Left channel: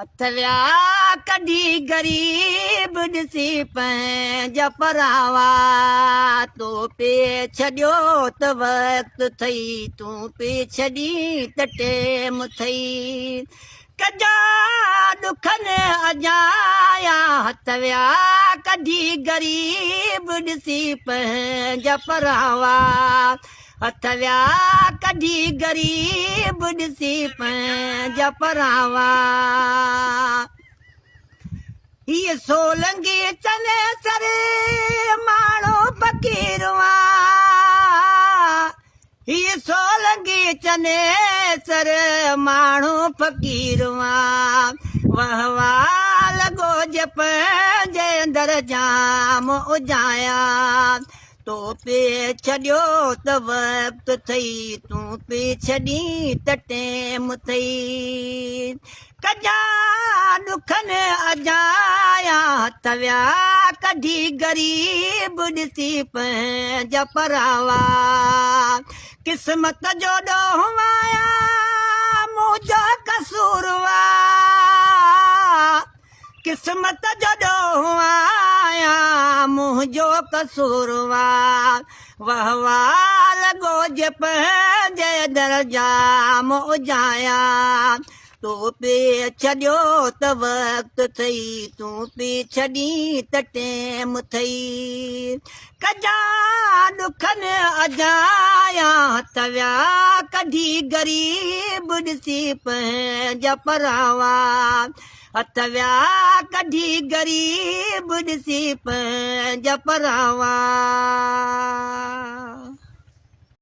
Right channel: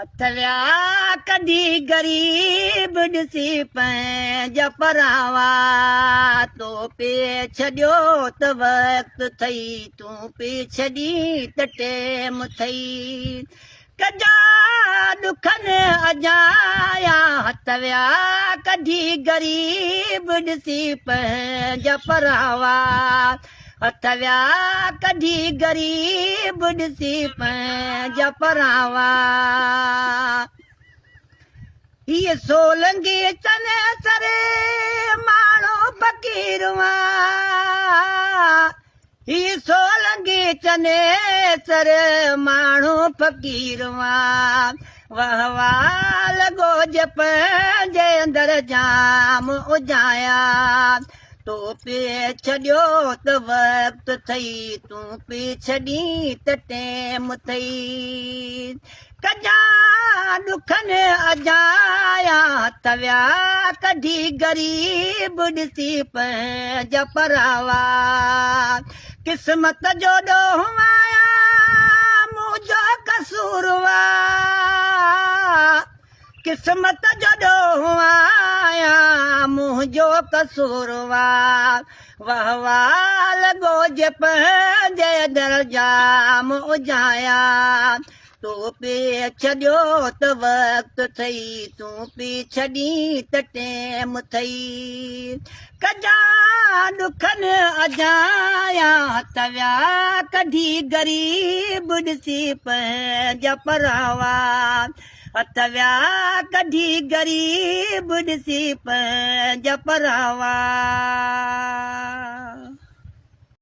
अथव्या कढी ग़रीब ॾिसी पंहिंजा परावा तो पे छॾियो त वक़्तु थई तूं पे छॾी त टेम थई कजा ॾुखनि अजाया हथ विया कढी ग़रीब ॾिसी पंहिंजा परावा हथ विया कढी ग़रीब ॾिसी पंहिंजा परावा हीअ सोलंगी चने सर माण्हू फ़क़ीरवा हीअ सोलंगी चने सर माण्हू फ़क़ीरवा वाह वाह लॻो जे पंहिंजे अंदरि जाम उजाया तो पे छॾियो त वक़्तु थई तूं पे छॾी त टेम थई कजा ॾुखनि अजाया हथ विया कढी ग़रीब ॾिसी पंहिंजा परावा क़िस्मत जो ॾोहु आया मुंहिंजो कसूरवा क़िस्मत जो ॾोहु आया मुंहिंजो कसूरवा वाह वाह लॻो जे पंहिंजे दर जाम उजाया तो पे छॾियो त वक़्तु थई तूं पे छॾी त टेम थई कजा ॾुखनि अजाया हथ विया कढी ग़रीब ॾिसी पंहिंजा परावा हथ विया कढी ग़रीब ॾिसी पंहिंजा परावा